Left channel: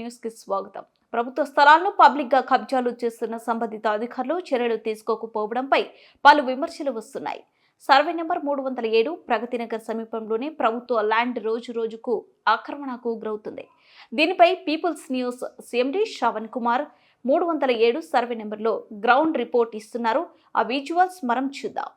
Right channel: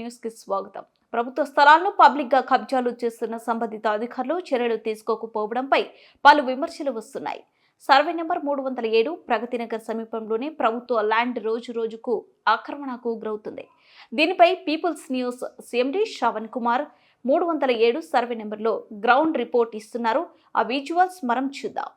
న్యూస్కి స్వాగతం. ప్రభుత్వ స్థలాలను పబ్లిక్గా కబ్జాలు చేస్తున్న సంబంధిత అధికారులు చర్యలు తీసుకోకపోవడంపై పలు విమర్శలు వస్తున్నాయి. సర్వే నెంబర్ మూడు వందల ఏడు ప్రగతినగర్ సమీపంలోనే ప్రభుత్వ ల్యాండ్ రోజు రోజుకు ఆక్రమణకు గురవుతుంది. దీనిపై people's news CMD Shravan Kumar మూడు వందల ఏడు సర్వే నెంబర్లో గ్రౌండ్ రిపోర్ట్ ఇస్తున్నారు. ఆ విజువల్స్ మనం చూద్దాం.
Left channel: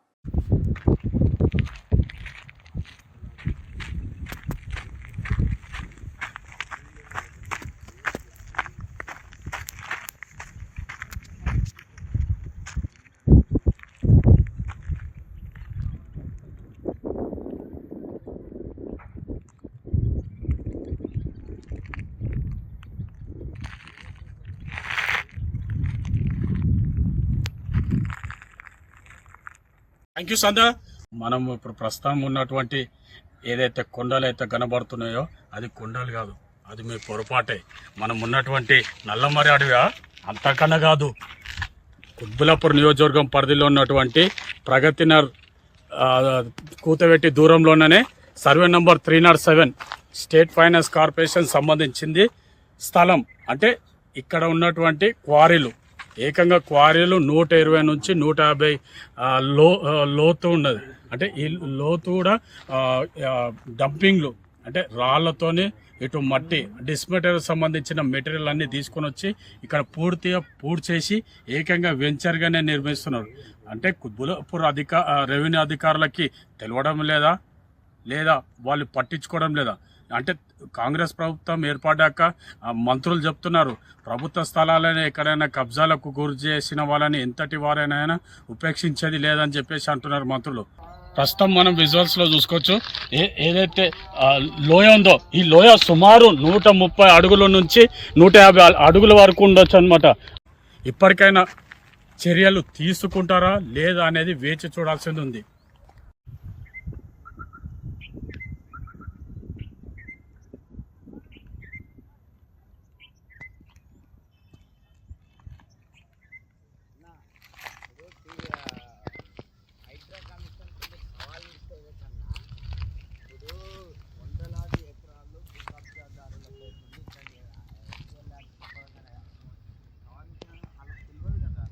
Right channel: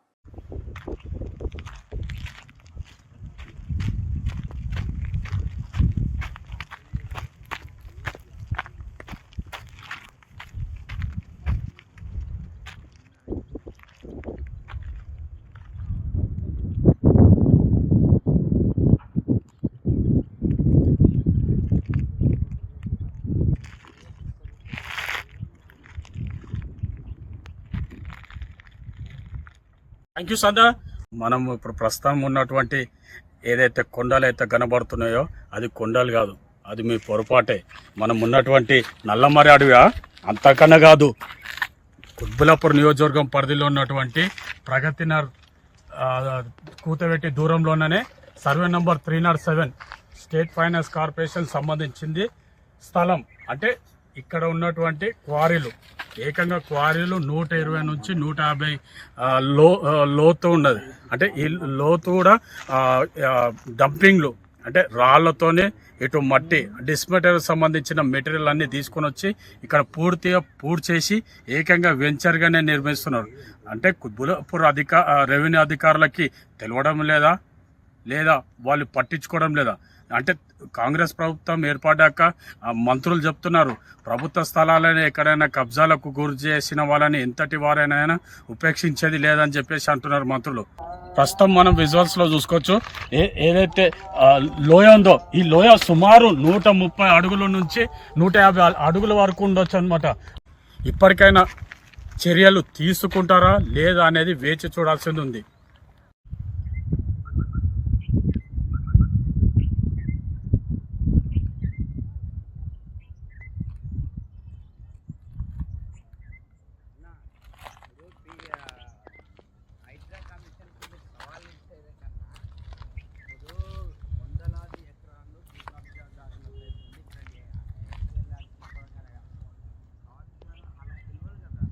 థ్యాంక్ యూ సందా. మనం ఇప్పుడు ప్రస్తుతం ఉన్నటువంటి ఏదైతే కొండలు అయితే కనబడుతున్నాయో అది కొండలు కాదు అది మీ పొరపాటే. మనం ఉన్నటువంటి నల్లమరి అడవిగా అంతకన్నా కాదు కుత్బులాపూర్ నియోజకవర్గం పరిధిలో ఉన్నటువంటి ప్రగతినర్ కూతవెట్టి దూరంలోనే survey number three nought seven state finance corporation సంబంధించింది స్థలం. అంటే ఇక్కడ ఉన్నటువంటి క్వారీలు ఏకంగా క్వారీలు నూట ఇరవై నుంచి నూట యాభై లో లోతు ఉన్నది. అంటే ఈ లోతు కూడా డంపింగ్లు అంటే రాళ్ళతోనే ఇటు మట్టి డిస్మెటీరియల్ సంబంధించిన మెటీరియల్ అన్ని తీసుకొని వచ్చి ఇక్కడ పూర్తిగా పూర్తి చేసి ఏకంగా వెంచర్గానే నిర్మిస్తున్నారు. అంటే కుత్బులాపూర్ అధిక రెవెన్యూ అధికారులకి తెలవడం లేదా లేదా వాళ్ళు పట్టించుకోవడం లేదా? అంటే కాంగ్రెస్ ప్రభుత్వం ఏర్పడ్డాక మంత్రులు చెప్తున్నారు ప్రభుత్వ స్థలాలను ఎక్కడైనా కబ్జాలకు గురి చేసిన వాళ్ళని ఎంతటి వారైనా ఉపేక్షించేది లేదని చెప్పేసి అంటున్నారు మంత్రులు. ప్రస్తుతం మనం విజువల్స్లో చూసుకోవచ్చు ఏ ఏదైతే లోయ ఉందో ఈ లోయ సుమారు నూట ముప్పై అడుగుల నుంచి నూట యాభై అడుగుల వరకు ఉండొచ్చు అనమాట ఇప్పటికైనా చర్యలు తీసుకుంటారా లేదా అనేది వేచి చూడాల్సింది ఉంది.